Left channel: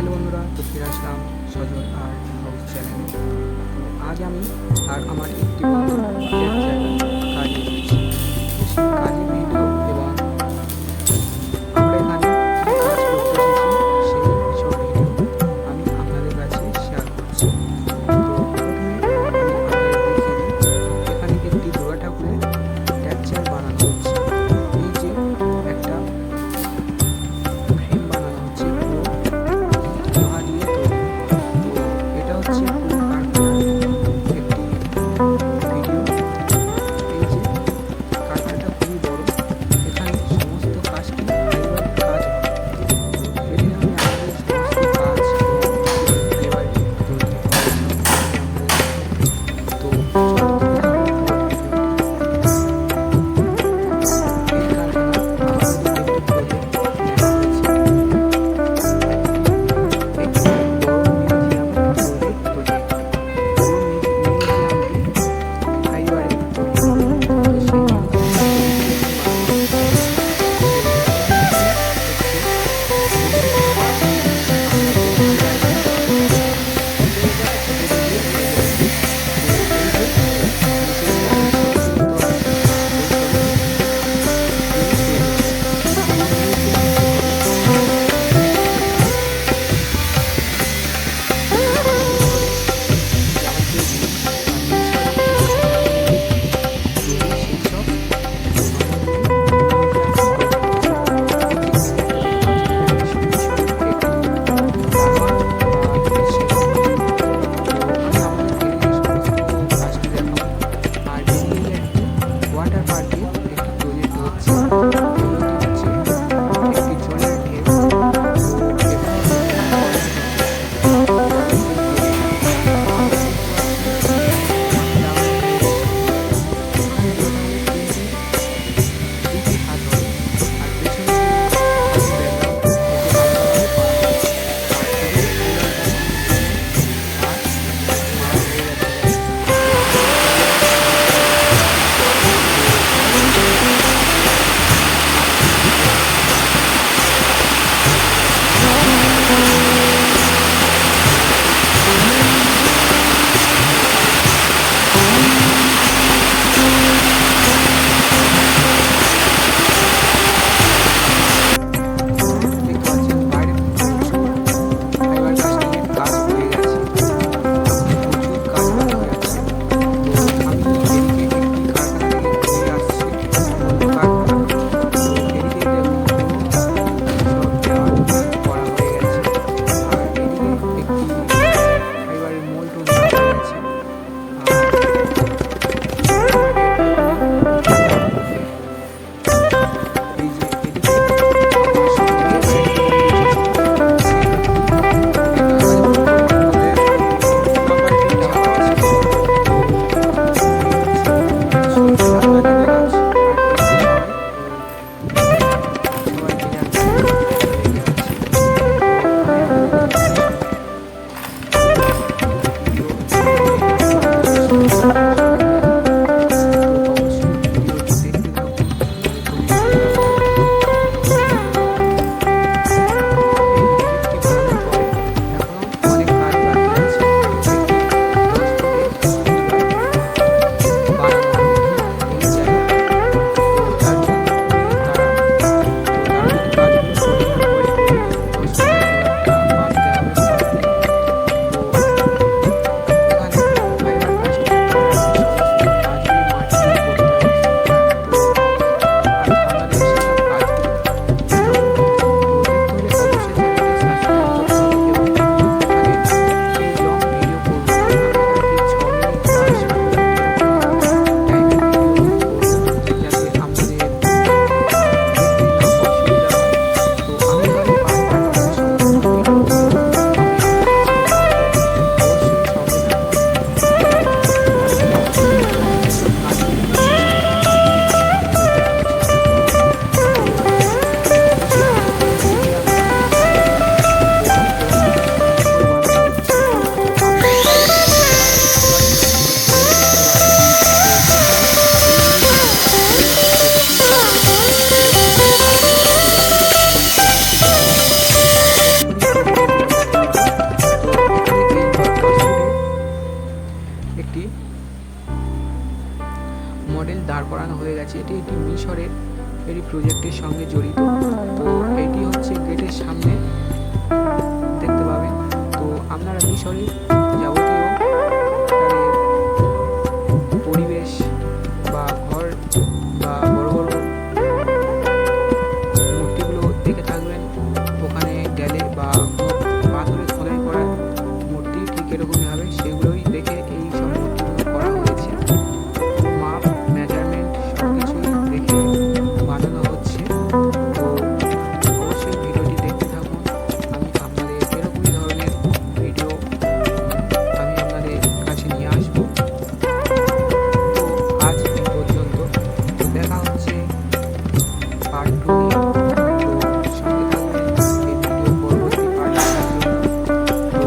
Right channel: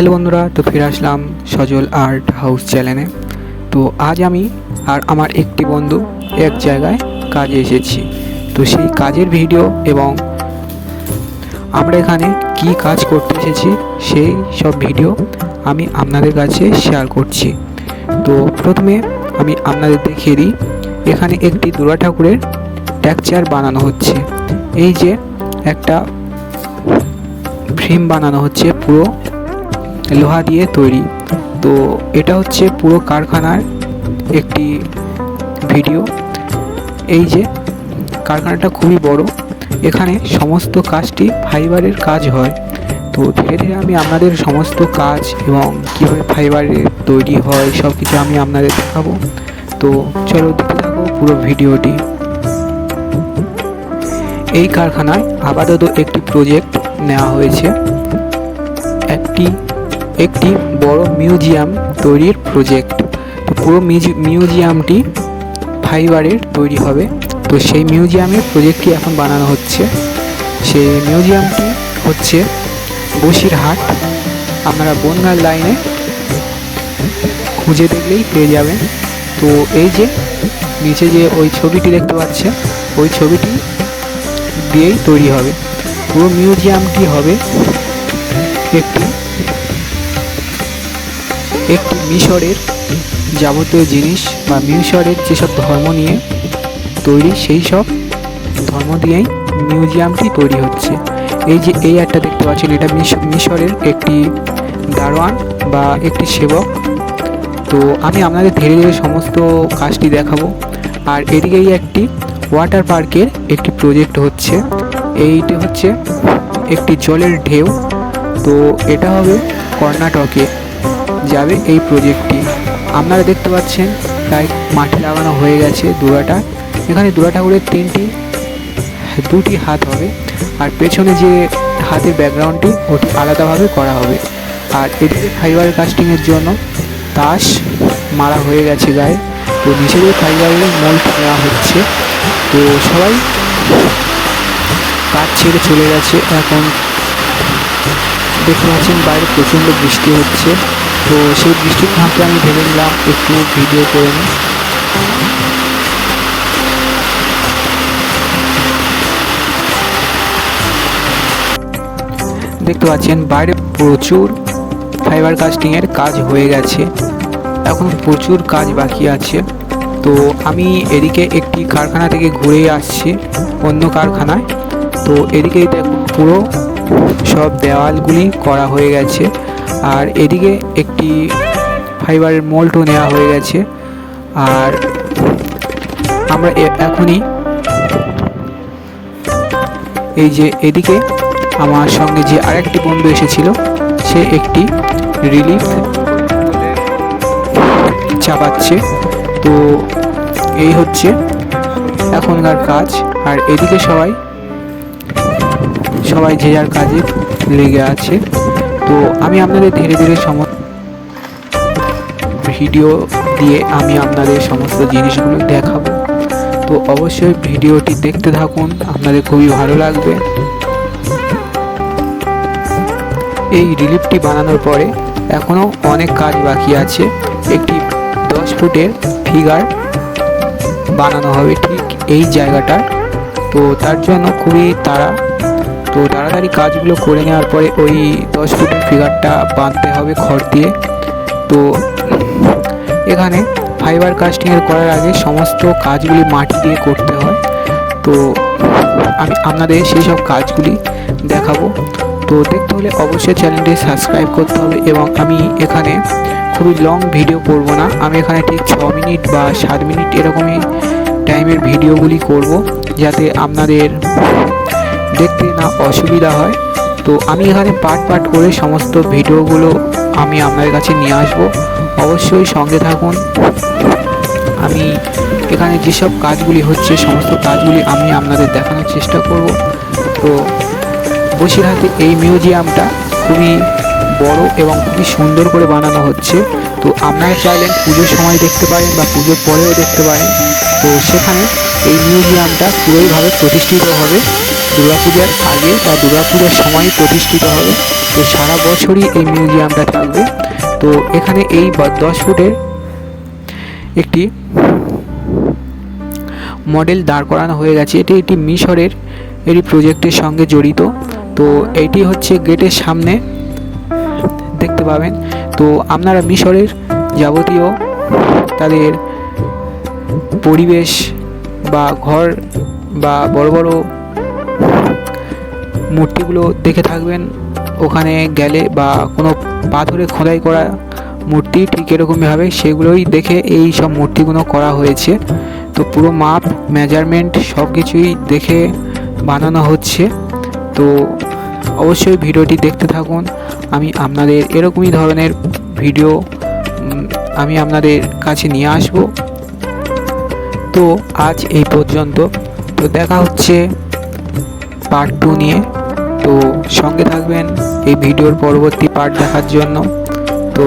Hello বন্ধুরা, তো ফিরে আসলাম সজল আর্ট হাউস চ্যানেলে। তো আজ আমি আর আমার একটি বন্ধু এক জায়গায় কাজে এসেছি। তো সেই কাজের ভিডিও এবং আমরা এখানে কি কাজ করতে এসেছি সেই সব ভিডিও আমি আপনাদের কাছে শেয়ার করছি। তো প্রথমে আমি আপনাদের দেখিয়ে দিই, এখানে একটি দুর্গা ঠাকুরের টেক্সচার বানানো হচ্ছে। এই যে একটা ফ্রেম বানানো হচ্ছে পুরো লোহা দিয়ে তৈরি। তো এটা হচ্ছে পুরো কারখানার একটি ভিডিও। এই যে কারখানাটা খুবই বড়, এখানে সমস্ত কাজটি ফাইবারের কাজ হয়। তো ধীরে ধীরে আমি আপনাদের সমস্ত কাজ এবং কীভাবে ফাইবারের তৈরি হয় সব কিছু আমি আপনাদের দেখাবো। তো চলো দেখতে থাকো পুরো ভিডিওটি। এই কারখানায় আপাতত একটি প্রজেক্ট নেওয়া হয়েছে, একটি বড় মিউজিয়াম তৈরির প্রজেক্ট। তো পুরো মিউজিয়ামটি ফাইবারের তৈরি হবে। তো সেই মিউজিয়ামের প্রজেক্টটি এখন বানানো হচ্ছে। সেই মিউজিয়ামটি হচ্ছে বসিরহাট। আপনারা বনগাঁর লাইনে খুঁজে দেখলেই পেয়ে যাবেন। তো এই যে নিচে যে ওই ছবিটি দেখতে পাচ্ছেন, ওই ছবিটি দিয়েই তৈরি হবে। পুরো মিউজিয়ামটি হবে একটি মিশরের যাবতীয় জিনিস বা মিশরের যেসব ধর্ম নিয়ে তৈরি, সেই সব ধর্ম দিয়েই মিউজিয়ামটি তৈরি হচ্ছে। এই যে এই একটা দেখতে পাচ্ছেন, এটা মিশরের একটি দারোয়ান বা একটি সেবক। তো আমি আপনাদের ধীরে ধীরে সমস্ত কাজটি দেখাবো। আর এদিকেই একটি ওয়াটার পার্কের একটি প্রজেক্ট হচ্ছে। এইটি হচ্ছে একটি জলের ঢেউ। তো এটা হবে কর্ণাটকে যাবে এই প্রজেক্টটি। আপনারা দেখতে পাচ্ছেন প্রায় মাটি লাগানো হয়ে গেছে দুর্গাটা। এখানে দুর্গা ঠাকুরের দুটি হাত হবে, আর পেছনে যে হাতের ব্যাকগ্রাউন্ডটি ওটি আলাদাভাবে করা হবে। আর এদিকে ফাইবার কাস্টিংয়ের জন্য তাস মারা হয়ে গেছে গায়ে। তো নিচে দিয়ে ফাইবারের মোল্ড দেওয়া হচ্ছে। তো সবাই কাজ ছেড়ে চলে গেছে। এখন দেখতে পাচ্ছেন বাইরে প্রচণ্ড বৃষ্টি হচ্ছে। তো সেই বৃষ্টির ফাঁকে আমি ভেবে নিলাম একটু ভিডিও করে নিই। দেখতে পাচ্ছেন বাইরে প্রচুর ফাইবার কাস্টিংয়ের কাজ হয়ে গেছে, এখন প্রচুর কাজ বাকি আছে। তো আমি এদিকে একটি কারখানা থেকে ঘুরে আসছি অন্য কারখানায়। তো এদিকে দেখুন পুরো সব দেওয়ালগুলি করা হয়ে গেছে। আর এদিকে একটি ফাইবারের মোল্ডও নেওয়া হয়ে গেছে। আর আমরা এখনই এই যে এদিকে আমার সঙ্গে যে আরেকটি বন্ধু এসেছিল, সে একটি রিলিফ চাপাচ্ছে। তো এই হচ্ছে এখনকার কাজ। আর এদিকে সবাই যে যার কাজে লেগে আছে। তো আমি আপনাদের ধীরে ধীরে ভিডিও দিয়ে আমি আপনাদের সমস্ত জিনিসগুলো দেখাবো। তো অবশ্যই ভিডিওটি দেখতে থাকুন, আপনাদের খুবই ভালো লাগবে। এই রিলিফটি বানানোর পরে এখনও অনেক কাজ বাকি আছে। একটি 10 ফুটের ফিগার বানানো হবে ঠিক এই জায়গাটা। তো তার জন্য খুবই তাড়াতাড়ি কাজগুলো করে নেওয়ার পরে ওই 10 ফুটের ফিগারটা বাঁধতে হবে খড় দিয়ে। তো এখানে ফাইবার কাস্টিংয়ের করার আগে সমস্ত কাজগুলি মাটি দিয়ে করতে হয়। তো আমি আপনাদের সেই সব কাজগুলি দেখাবো। তো দেখতে হলে অবশ্যই চ্যানেলটি সাবস্ক্রাইব করতে হবে। এবং আমি এখানে খুবই লং ভিডিও করব না, আমি এখানে ঠিক 6 মিনিট বা 7 মিনিট এরকমই টাইমের ভিডিওগুলি করব, যাতে আপনাদের দেখতে না অসুবিধা হয়। তো আমি এখানে পার্ট করে সমস্ত ভিডিওগুলো আমি আপনাদের কাছে নিয়ে আসবো। অবশ্যই সঙ্গে থাকুন। আমি এখানে যেসব কাজগুলি হচ্ছে সমস্ত কাজগুলি আমি আপনাদের দেখানোর চেষ্টা করব। তো বসিরহাটে এই মিউজিয়ামটা খুবই বড় এবং খুবই সুন্দর করে বানানো হচ্ছে। তো আপনারা চাইলে পুজোর সময় দেখতে পারেন বা পুজোর পরেও দেখতে পারেন। তো সেখানে এই মিউজিয়ামটা পুরোইভাবে প্রতিষ্ঠিত হবে দুর্গাপূজার আগে বা দুর্গাপূজার সময় প্রতিষ্ঠিত হবে। তো সারা বছরই এই মিউজিয়ামটা থাকবে। তো এখানে এই 10 ফুটের একটি মডেল দাঁড় করানো হয়ে গেছে। এটি একটি মিশরের প্রজেক্টের সঙ্গে জড়িত। তো এটি হচ্ছে গেটের সামনে দেখতে পাবেন। তো আপনারা মিশরের যাবতীয় তাদের পরিবেশ বা ঘর বা বড় বড় মূর্তিগুলো দেখে থাকবেন ওখানে গেলে, বা কোনো পাথরে খোদাই করা মূর্তি ঠিক এরকমই হবে, সেগুলোই দেখে এই সব মূর্তিগুলো করা হয়েছে। তো পুরো মাপ মেজারমেন্ট সব কিছুই দেখে বানানো হচ্ছে। তো অবশ্যই ভিডিওটি দেখতে থাকুন। আমি আপনাদের এরকমই ধরনের ভিডিও আমি আপনাদের কাছে নিয়ে আসব। তো আজ এই পর্যন্ত। তো দেখা হচ্ছে পার্ট 2 নিয়ে। তো সঙ্গে থাকবেন এই ভিডিওর পরবর্তী পার্ট দেখার জন্য। তো